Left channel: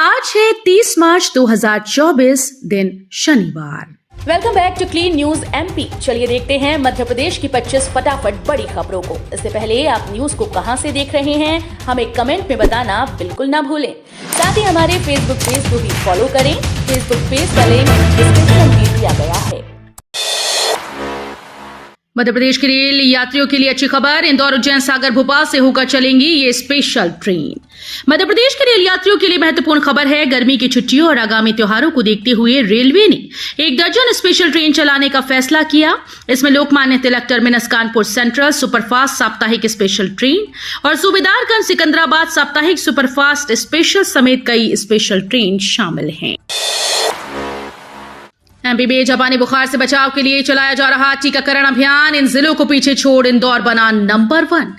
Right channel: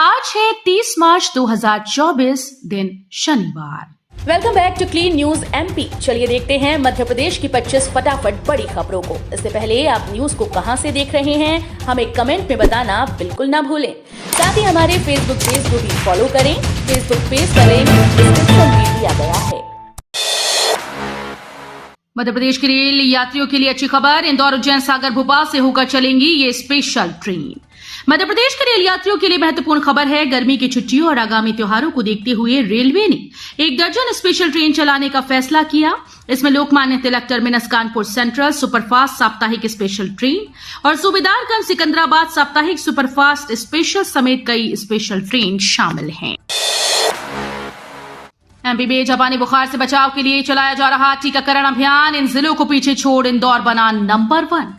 आज है 30 मार्च 2024, दिन शनिवार। Welcome back to clean news MP. चलिए देखते हैं मध्य प्रदेश की 25 फटाफट बड़ी खबरों को। इससे पहले आप न्यूज को कहां से देख रहे हैं, हमें कमेंट में बताना बिल्कुल ना भूलें। साथ ही हमारे फेसबुक पेज को भी फॉलो करें। फेसबुक पेज का लिंक डिस्क्रिप्शन में दिया गया है। मध्य प्रदेश के रेल यात्रियों के लिए अच्छी खबर। इंदौर, उज्जैन, सागर, भोपाल से होकर चलेंगी ये स्पेशल ट्रेन। मध्य प्रदेश के रेल यात्रियों के लिए महत्वपूर्ण खबर है। गर्मी की छुट्टियों और आगामी त्योहारों को देखते हुए रेलवे ने 1 दर्जन स्पेशल ट्रेन चलाने का फैसला किया। इसमें Lokmanya Tilak terminus Kanpur central superfast साप्ताहिक स्पेशल ट्रेन और सूबेदारगंज सिकंदराबाद साप्ताहिक सुपरफास्ट स्पेशल समेत कई स्पेशल ट्रेन शामिल हैं। एमपी में जापानी बुखार से बचाव के लिए चलाया जा रहा टीकाकरण अभियान, इन जिलों को पीछे छोड़ इंदौर बना नंबर 1।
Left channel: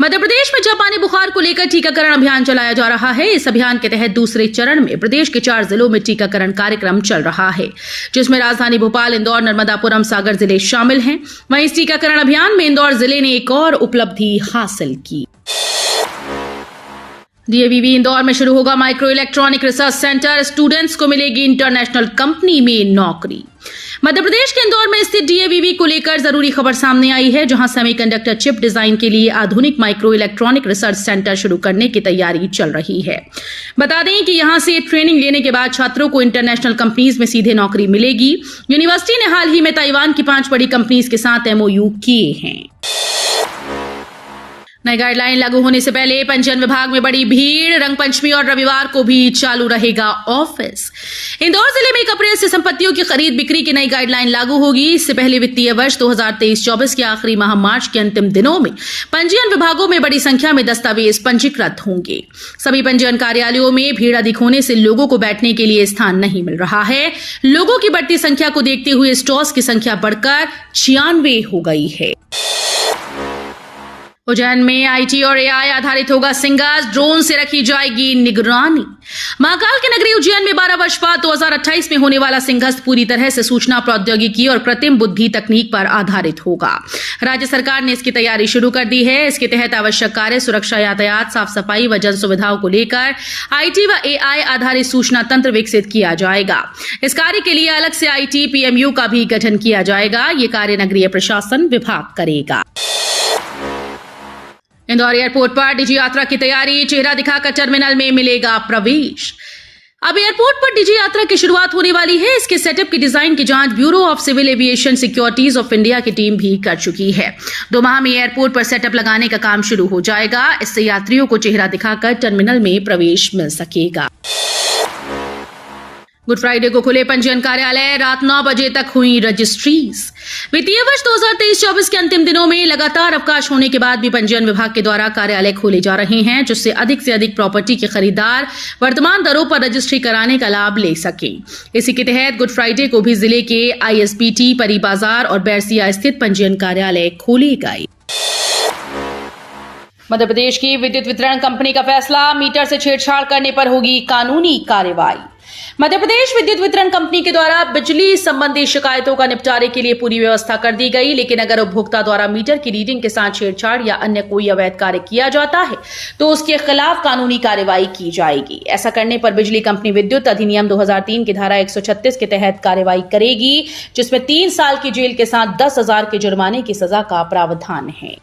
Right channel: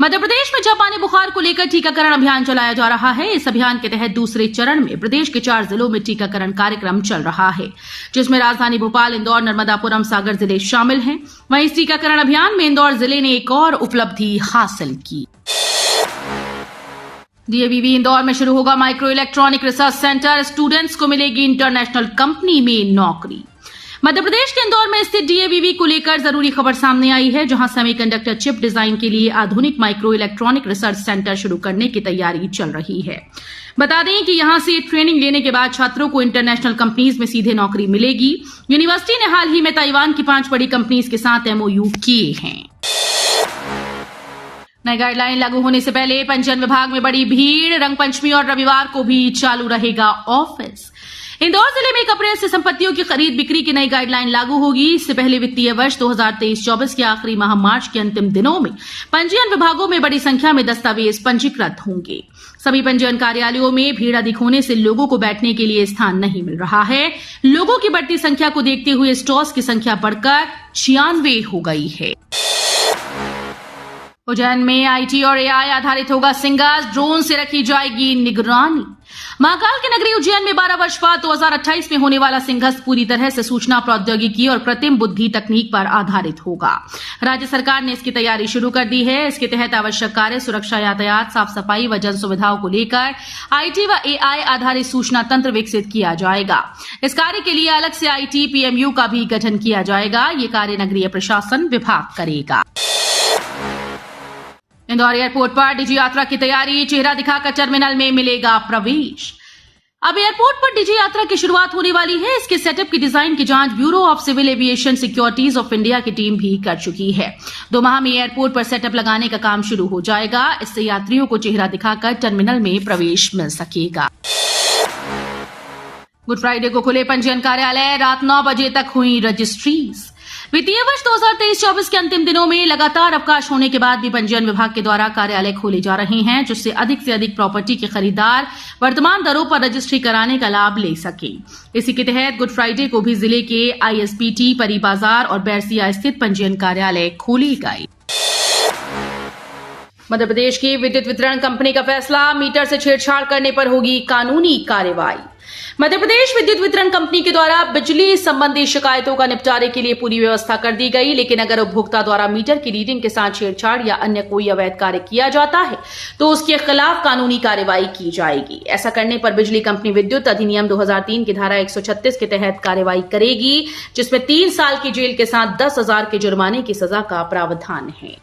मध्य प्रदेश में जापानी बुखार को लेकर टीकाकरण अभियान चलाया जा रहा है। इस अभियान के तहत दूसरे चरण में प्रदेश के 4 जिलों में टीकाकरण कार्यक्रम चल रहा है, जिसमें राजधानी भोपाल, इंदौर, नर्मदापुरम, सागर जिले शामिल हैं। वहीं इस टीकाकरण अभियान में इंदौर जिले ने एक और उपलब्धि हासिल की। डीएवीवी इंदौर में शुरू होगा micro electronic research centre, students को मिलेगी इंटरनेशनल कंपनी में नौकरी। मध्य प्रदेश के इंदौर में स्थित डीएवीवी को लेकर जरूरी खबर सामने आई है, जहां सेमीकंडक्टर चिप डिजाइन के लिए आधुनिक माइक्रो इलेक्ट्रॉनिक रिसर्च सेंटर शुरू करने की तैयारी चल रही है। बता दें कि यहां से ट्रेनिंग लेने के बाद छात्रों को इंटरनेशनल कंपनीज में सीधे नौकरी मिलेगी। यूनिवर्सिटी ने हाल ही में ताइवान की 5 बड़ी कंपनीज के साथ एमओयू किए हैं। नई गाइडलाइन लागू होने से पहले पंजीयन विभाग में बड़ी भीड़। रंगपंचमी और रविवार को भी चालू रहेगा ऑफिस। इंदौर जिले में 1 अप्रैल से संपत्तियों की खरीद बिक्री की नई गाइडलाइन लागू होगी। इससे पहले वित्तीय वर्ष 2023-24 के आखिरी माह मार्च के अंतिम दिनों में पंजीयन विभागों में बड़ी संख्या में दस्तावेज पंजीकृत होंगे। सभी पंजीयन कार्यालयों में भीड़ अधिक होने से लोगों को बैठने के लिए स्थान नहीं मिल रहा है। लोगों की बढ़ती संख्या को देखते हुए स्टॉल्स की संख्या बढ़कर 96 हो गई है। उज्जैन में आईटी और एआई आधारित होगा सिंगास, ड्रोन से रखी जाएगी निगरानी। महाकाल की नगरी उज्जैन में 12 वर्ष बाद 2028 में होने वाला सिंहस्थ पूरी तरह से सूचना प्रौद्योगिकी और कृत्रिम बुद्धि तकनीक पर आधारित होगा। राज्य सरकार ने इसकी तैयारी शुरू कर दी है। इसके तहत आवश्यक कार्य, सुरक्षा, यातायात, साफ सफाई व जन सुविधाओं को लेकर आईटी व एआई आधारित सूचना तंत्र विकसित किया जाएगा। इस कार्य के लिए अलग से आईटी पीएमयू का भी गठन किया जाएगा। ये कार्य नगरीय प्रशासन विभाग करेगा। इंदौर एयरपोर्ट पर डिजी यात्रा की तैयारी, चेहरा दिखाकर टर्मिनल में मिलेगा प्रवेश। अब एयरपोर्ट पर डिजी यात्रा की शुरुआत होने वाली है। इसके सेटअप की डिजाइन की जांच bureau of civil aviation securities of India की टीम भी कर चुकी है। 2 माह में एयरपोर्ट पर सेटअप लगाने का काम शुरू हो जाएगा। इससे यात्रियों को चेहरा दिखाकर टर्मिनल में प्रवेश मिल सकेगा। गुड फ्राइडे को खुले पंजीयन कार्यालय, रात 9 बजे तक हुई रजिस्ट्रीज। वित्तीय वर्ष 2023-24 के अंतिम दिनों में लगातार अवकाश होने के बाद भी पंजीयन विभाग के द्वारा कार्यालय खोले जा रहे हैं, जिससे अधिक से अधिक प्रॉपर्टी के खरीदार वर्तमान दरों पर रजिस्ट्री कराने का लाभ ले सके। इसी के तहत गुड फ्राइडे को भी जिले के आईएसपीटी, परी बाजार और बैरसिया स्थित पंजीयन कार्यालय खोले गए। मध्य प्रदेश की विद्युत वितरण कंपनी का फैसला, मीटर से छेड़छाड़ करने पर होगी कानूनी कार्रवाई। मध्य प्रदेश विद्युत वितरण कंपनी के द्वारा बिजली संबंधी शिकायतों का निपटारे के लिए पूरी व्यवस्था कर दी गई, लेकिन अगर उपभोक्ता द्वारा मीटर की रीडिंग के साथ छेड़छाड़ या अन्य कोई अवैध कार्य किया जाता है तो उसके खिलाफ कानूनी कार्रवाई की जाएगी। ऐसा करने पर बिजली कंपनी विद्युत अधिनियम 2003 की धारा 136 के तहत कार्रवाई करेगी, जिसमें 3 साल की जेल के साथ 10,000 के जुर्माने की सजा का प्रावधान है।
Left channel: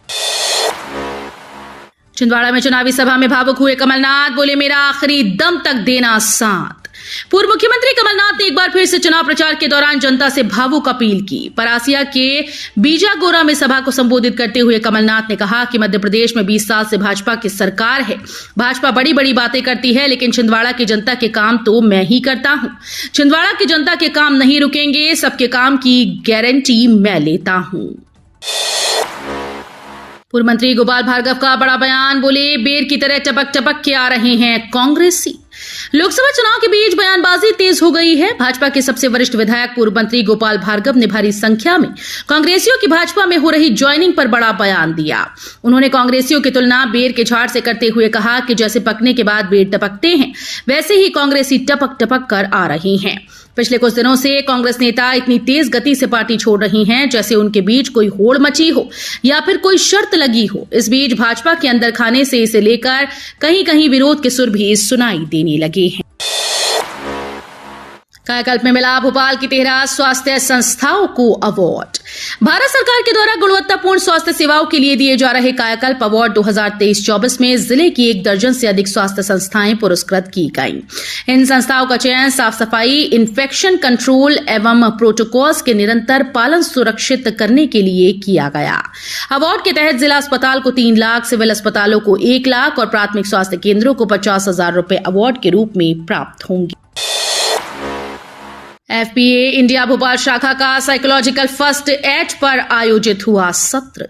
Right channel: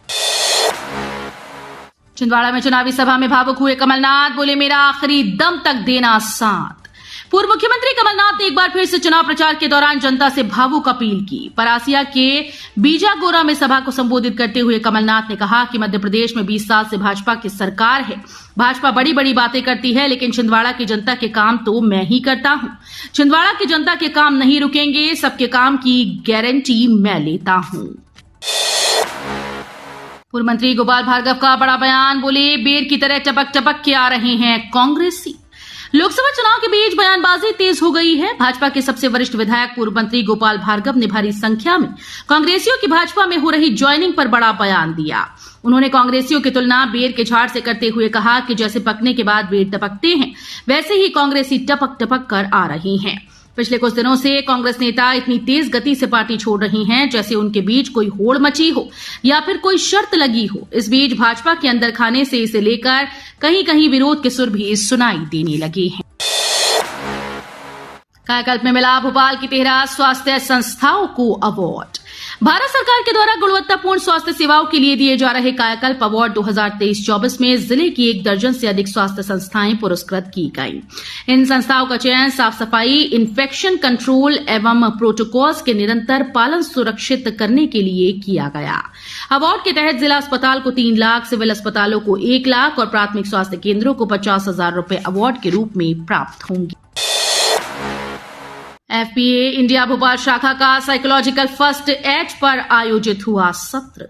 छिंदवाड़ा में चुनावी सभा में भावुक हुए कमलनाथ, बोले मेरा आखिरी दम तक देना साथ। पूर्व मुख्यमंत्री कमलनाथ ने एक बार फिर से चुनाव प्रचार के दौरान जनता से भावुक अपील की। परासिया के बीजागोरा में सभा को संबोधित करते हुए कमलनाथ ने कहा कि मध्य प्रदेश में 20 साल से भाजपा की सरकार है। भाजपा बड़ी बड़ी बातें करती है, लेकिन छिंदवाड़ा की जनता के काम तो मैं ही करता हूं। छिंदवाड़ा की जनता के काम नहीं रुकेंगे, सबके काम की गारंटी मैं लेता हूं। पूर्व मंत्री गोपाल भार्गव का बड़ा बयान, बोले बेर की तरह टपक टपक के आ रहे हैं कांग्रेसी। लोकसभा चुनाव के बीच बयानबाजी तेज हो गई है। भाजपा के सबसे वरिष्ठ विधायक पूर्व मंत्री गोपाल भार्गव ने भारी संख्या में कांग्रेसियों की भाजपा में हो रही ज्वाइनिंग पर बड़ा बयान दिया। उन्होंने कांग्रेसियों की तुलना बेर के झाड़ से करते हुए कहा कि जैसे पकने के बाद बेर टपकते हैं, वैसे ही कांग्रेसी टपक टपक कर आ रही हैं। पिछले कुछ दिनों से कांग्रेस नेता इतनी तेज गति से पार्टी छोड़ रही हैं जैसे उनके बीच कोई होड़ मची हो या फिर कोई शर्त लगी हो। इस बीच भाजपा के अंदर खाने से इसे लेकर कहीं कहीं विरोध के सुर भी सुनाई देने लगे हैं। कायाकल्प में मिला भोपाल की 13 स्वास्थ्य संस्थाओं को अवार्ड। भारत सरकार के द्वारा गुणवत्तापूर्ण स्वास्थ्य सेवाओं के लिए दिए जा रहे कायाकल्प अवार्ड 2023-24 में जिले की 1 दर्जन से अधिक स्वास्थ्य संस्थाएं पुरस्कृत की गईं। इन संस्थाओं का चयन साफ सफाई, इन्फेक्शन कंट्रोल एवं प्रोटोकॉल्स के निरंतर पालन सुरक्षित करने के लिए किया गया। अवार्ड के तहत जिला अस्पताल को 3 लाख, सिविल अस्पतालों को 1 लाख और प्राथमिक स्वास्थ्य केंद्रों को 50,000 रुपए अवार्ड के रूप में प्राप्त होंगे। एफपीए इंडिया भोपाल शाखा का साइकोलॉजिकल फर्स्ट एड पर आयोजित हुआ सत्र।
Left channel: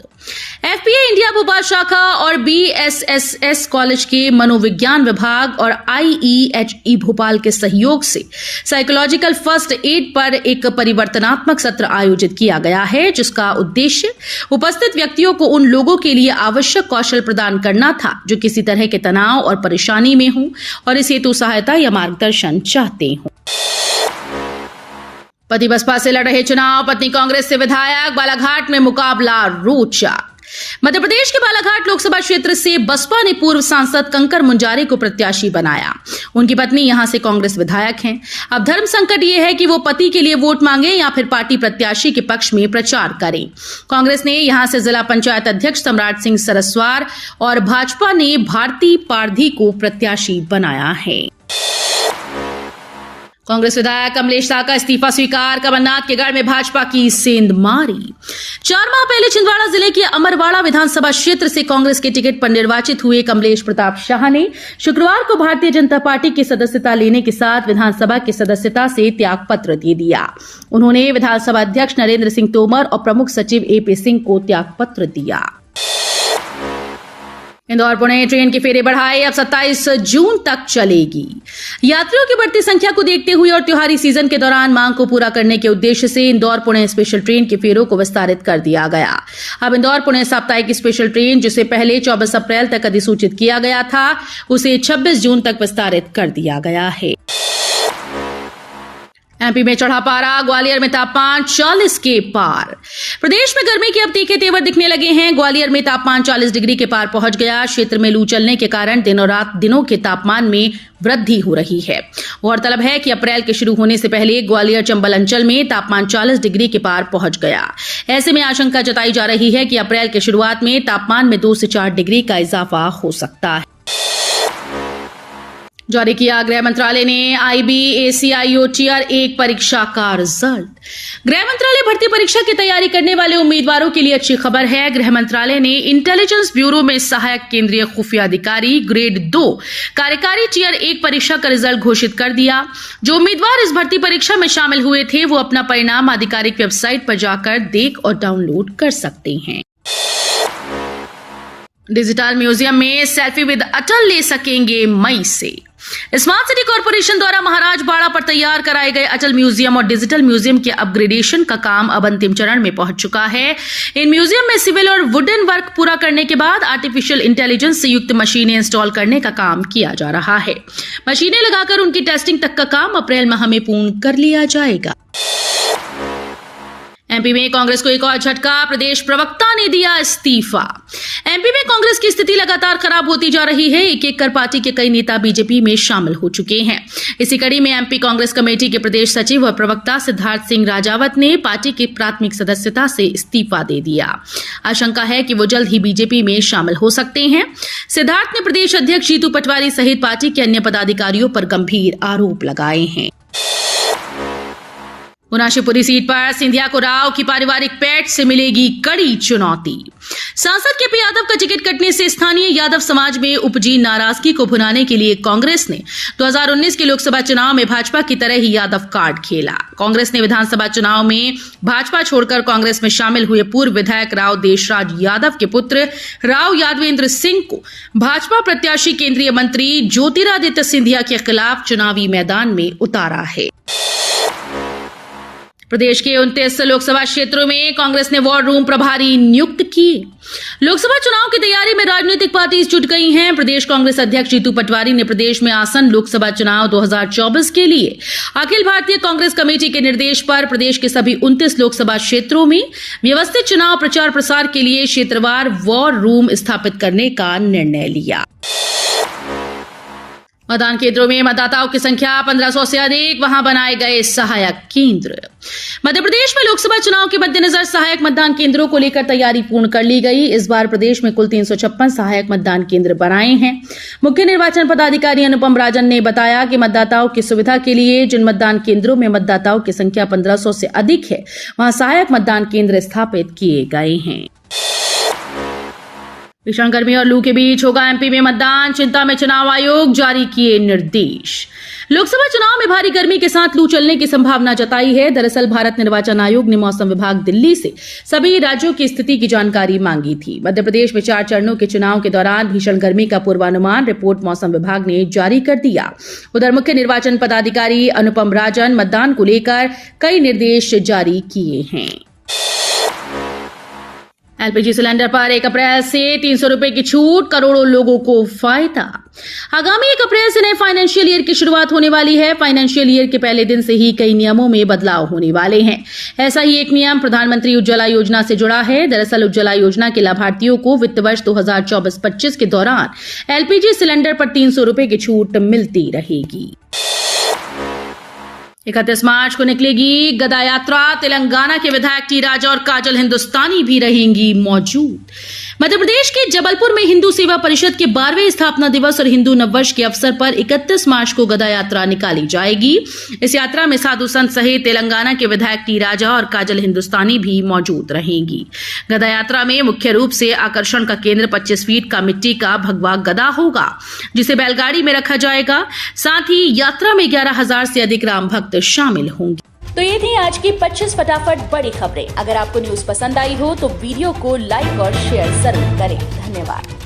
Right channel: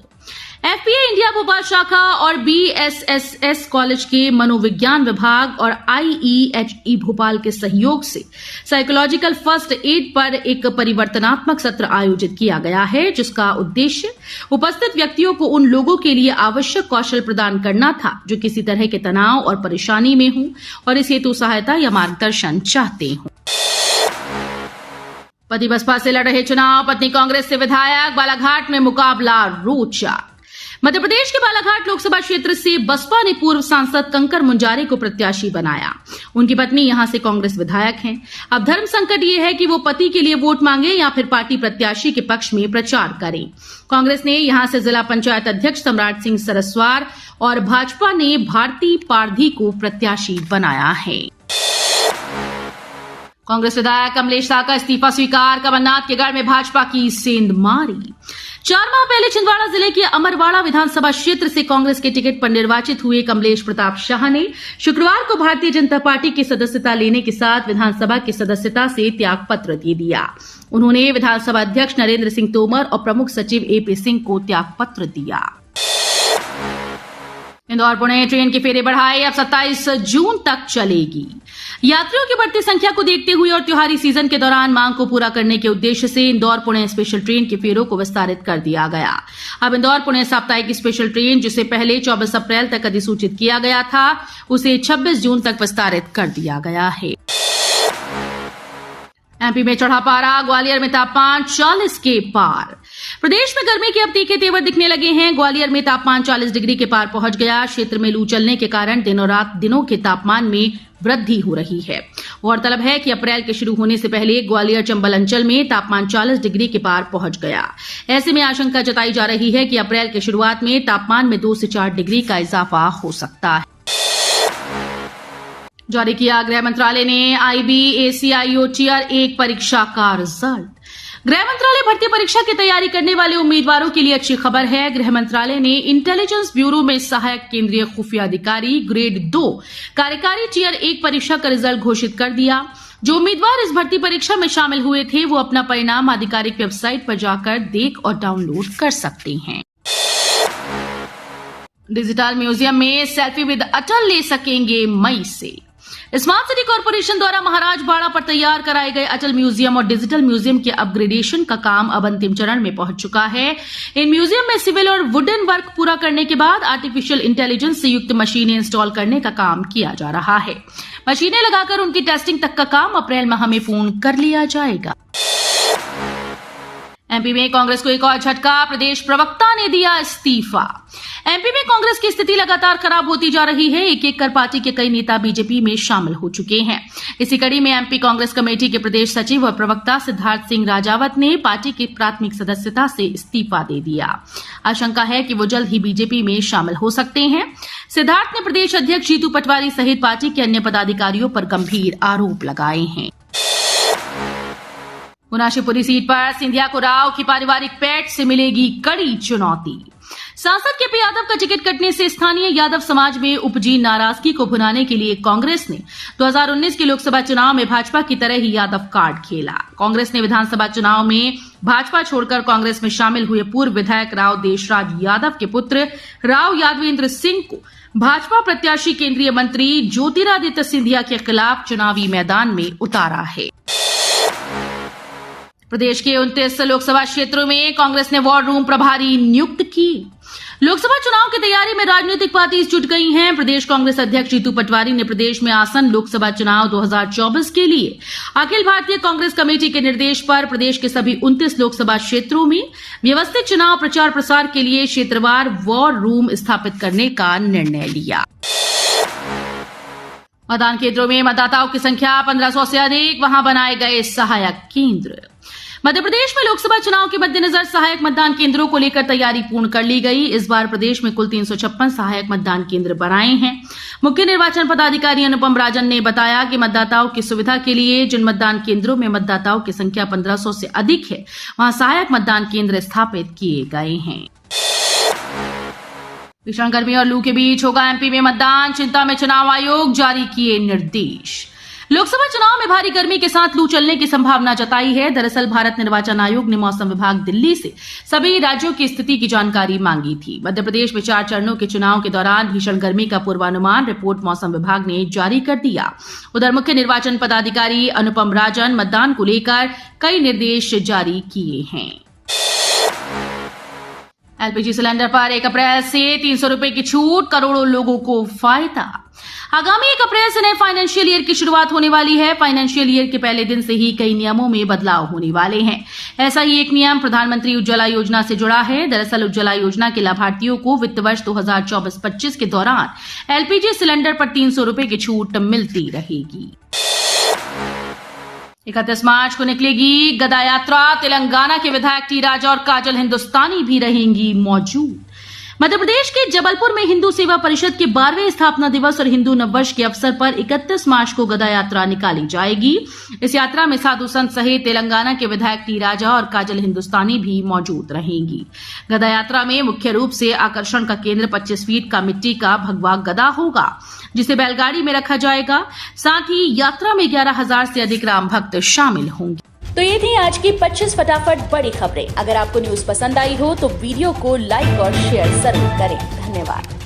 एफपीए इंडिया भोपाल शाखा और बीएसएसएस कॉलेज के मनोविज्ञान विभाग और आईईएचई भोपाल के सहयोग से साइकोलॉजिकल फर्स्ट एड पर एक परिवर्तनात्मक सत्र आयोजित किया गया है, जिसका उद्देश्य उपस्थित व्यक्तियों को उन लोगों के लिए आवश्यक कौशल प्रदान करना था जो किसी तरह के तनाव और परेशानी में हों और इस हेतु सहायता या मार्गदर्शन चाहते हों। पति बसपा से लड़ रहे चुनाव, पत्नी कांग्रेस से विधायक, बालाघाट में मुकाबला रोचक। मध्य प्रदेश के बालाघाट लोकसभा क्षेत्र से बसपा ने पूर्व सांसद कंकर मुंजारे को प्रत्याशी बनाया। उनकी पत्नी यहां से कांग्रेस विधायक हैं। अब धर्म संकट ये है कि वो पति के लिए वोट मांगे या फिर पार्टी प्रत्याशी के पक्ष में प्रचार करें। कांग्रेस ने यहां से जिला पंचायत अध्यक्ष सम्राट सिंह सरस्वार और भाजपा ने भारती पारधी को प्रत्याशी बनाया है। कांग्रेस विधायक कमलेश शाह का इस्तीफा स्वीकार, कमलनाथ के गढ़ में भाजपा की सेंध मारी। 4 माह पहले छिंदवाड़ा जिले के अमरवाड़ा विधानसभा क्षेत्र से कांग्रेस के टिकट पर निर्वाचित हुए कमलेश प्रताप शाह ने शुक्रवार को भारतीय जनता पार्टी की सदस्यता लेने के साथ विधानसभा की सदस्यता से त्याग पत्र दे दिया। उन्होंने विधानसभा अध्यक्ष नरेंद्र सिंह तोमर और प्रमुख सचिव एपी सिंह को त्याग पत्र दिया। इंदौर पुणे ट्रेन के फेरे बढ़ाए, अब 27 जून तक चलेगी। यात्रियों की बढ़ती संख्या को देखते हुए और त्योहारी सीजन के दौरान मांग को पूरा करने के उद्देश्य से इंदौर पुणे स्पेशल ट्रेन के फेरों को विस्तारित कर दिया गया। अब इंदौर पुणे साप्ताहिक स्पेशल ट्रेन, जिसे पहले 24 अप्रैल तक अधिसूचित किया गया था, उसे 26 जून तक विस्तारित कर दिया गया है। एमपी में चढ़ा पारा, ग्वालियर में तापमान 40 के पार। प्रदेश में गर्मी के अब तीखे तेवर दिखने लगे हैं। ग्वालियर में तापमान 40 डिग्री के पार पहुंच गया। क्षेत्र में लू चलने के कारण दिनों रात दिनों के तापमान में वृद्धि हो रही है। गौरतलब है कि अप्रैल के शुरू होने से पहले ग्वालियर चंबल अंचल में तापमान 40 डिग्री के पार पहुंच गया। ऐसे में आशंका जताई जा रही है कि अप्रैल के शुरुआत में तापमान में 2 से 4 डिग्री का इजाफा हो सकता है। जारी किया गृह मंत्रालय ने IBACIO टियर 1 परीक्षा का रिजल्ट। गृह मंत्रालय भर्ती परीक्षा की तैयारी करने वाले उम्मीदवारों के लिए अच्छी खबर है। गृह मंत्रालय ने इंटेलिजेंस ब्यूरो में सहायक केंद्रीय खुफिया अधिकारी ग्रेड 2 कार्यकारी टियर 1 परीक्षा का रिजल्ट घोषित कर दिया। जो उम्मीदवार इस भर्ती परीक्षा में शामिल हुए थे, वो अपना परिणाम आधिकारिक वेबसाइट पर जाकर देख और डाउनलोड कर सकते हैं। डिजिटल म्यूजियम में सेल्फी विद अटल ले सकेंगे मई से। स्मार्ट सिटी कॉर्पोरेशन द्वारा महाराज बाड़ा पर तैयार कराए गए अटल म्यूजियम और डिजिटल म्यूजियम के अपग्रेडेशन का काम अब अंतिम चरण में पहुंच चुका है। इन म्यूजियम में सिविल और वुडन वर्क पूरा करने के बाद आर्टिफिशियल इंटेलिजेंस से युक्त मशीनें इंस्टॉल करने का काम किया जा रहा है। मशीनें लगाकर उनकी टेस्टिंग तक का काम अप्रैल माह में पूर्ण कर लिया जाएगा। एमपी में कांग्रेस को एक और झटका, प्रदेश प्रवक्ता ने दिया इस्तीफा। एमपी में कांग्रेस की स्थिति लगातार खराब होती जा रही है। एक एक कर पार्टी के कई नेता बीजेपी में शामिल हो चुके हैं। इसी कड़ी में एमपी कांग्रेस कमेटी के प्रदेश सचिव और प्रवक्ता सिद्धार्थ सिंह राजावत ने पार्टी की प्राथमिक सदस्यता से इस्तीफा दे दिया। आशंका है कि वो जल्द ही बीजेपी में शामिल हो सकते हैं। सिद्धार्थ ने प्रदेश अध्यक्ष जीतू पटवारी सहित पार्टी के अन्य पदाधिकारियों पर गंभीर आरोप लगाए हैं। गुना शिवपुरी सीट पर सिंधिया को राव की पारिवारिक पैठ से मिलेगी कड़ी चुनौती। सांसद केपी यादव का टिकट कटने से स्थानीय यादव समाज में उपजी नाराजगी को भुनाने के लिए कांग्रेस ने 2019 के लोकसभा चुनाव में भाजपा की तरह ही यादव कार्ड खेला। कांग्रेस ने विधानसभा चुनाव में भाजपा छोड़कर कांग्रेस में शामिल हुए पूर्व विधायक राव देशराज यादव के पुत्र राव यादवेंद्र सिंह को भाजपा प्रत्याशी केंद्रीय मंत्री ज्योतिरादित्य सिंधिया के खिलाफ चुनावी मैदान में उतारा है। प्रदेश के 29 लोकसभा क्षेत्रों में कांग्रेस ने वॉर रूम प्रभारी नियुक्त किए। लोकसभा चुनाव की तैयारी में राजनीतिक पार्टी जुट गई हैं। प्रदेश कांग्रेस अध्यक्ष जीतू पटवारी ने प्रदेश में आसन लोकसभा चुनाव 2024 के लिए अखिल भारतीय कांग्रेस कमेटी के निर्देश पर प्रदेश के सभी 29 लोकसभा क्षेत्रों में व्यवस्थित चुनाव प्रचार प्रसार के लिए क्षेत्रवार वॉर रूम स्थापित करने का निर्णय लिया। मतदान केंद्रों में मतदाताओं की संख्या 1500 से अधिक, वहां बनाए गए सहायक केंद्र। मध्य प्रदेश में लोकसभा चुनाव के मद्देनजर सहायक मतदान केंद्रों को लेकर तैयारी पूर्ण कर ली गई। इस बार प्रदेश में कुल 356 सहायक मतदान केंद्र बनाए हैं। मुख्य निर्वाचन पदाधिकारी अनुपम राजन ने बताया कि मतदाताओं की सुविधा के लिए जिन मतदान केंद्रों में मतदाताओं की संख्या 1500 से अधिक है, वहां सहायक मतदान केंद्र स्थापित किए गए हैं। भीषण गर्मी और लू के बीच होगा एमपी में मतदान, चिंता में चुनाव आयोग, जारी किए निर्देश। लोकसभा चुनाव में भारी गर्मी के साथ लू चलने की संभावना जताई है। दरअसल भारत निर्वाचन आयोग ने मौसम विभाग दिल्ली से सभी राज्यों की स्थिति की जानकारी मांगी थी। मध्य प्रदेश में 4 चरणों के चुनाव के दौरान भीषण गर्मी का पूर्वानुमान रिपोर्ट मौसम विभाग ने जारी कर दिया। उधर मुख्य निर्वाचन पदाधिकारी अनुपम राजन मतदान को लेकर कई निर्देश जारी किए हैं। एलपीजी सिलेंडर पर 1 अप्रैल से 300 रुपए की छूट, करोड़ों लोगों को फायदा। आगामी 1 अप्रैल से नए फाइनेंशियल ईयर की शुरुआत होने वाली है। फाइनेंशियल ईयर के पहले दिन से ही कई नियमों में बदलाव होने वाले हैं। ऐसा ही एक नियम प्रधानमंत्री उज्ज्वला योजना से जुड़ा है। दरअसल उज्ज्वला योजना के लाभार्थियों को वित्त वर्ष 2024-25 के दौरान एलपीजी सिलेंडर पर 300 रुपए की छूट मिलती रहेगी। 31 मार्च को निकलेगी गदा यात्रा। तेलंगाना के विधायक टी राजा और काजल हिंदुस्तानी भी रहेंगी मौजूद। मध्य प्रदेश के जबलपुर में हिंदू सेवा परिषद के 12वें स्थापना दिवस और हिंदू नववर्ष के अवसर पर 31 मार्च को गदा यात्रा निकाली जाएगी। इस यात्रा में साधु संत सहित तेलंगाना के विधायक टी राजा और काजल हिंदुस्तानी भी मौजूद रहेंगी। गदा यात्रा में मुख्य रूप से आकर्षण का केंद्र 25 फीट का मिट्टी का भगवा गदा होगा, जिसे बैलगाड़ी में रखा जाएगा। साथ ही यात्रा में 11,000 से अधिक राम भक्त शामिल होंगे। तो ये थी आज की 25 फटाफट बड़ी खबरें। अगर आपको न्यूज पसंद आई हो तो वीडियो को लाइक और शेयर जरूर करें। धन्यवाद।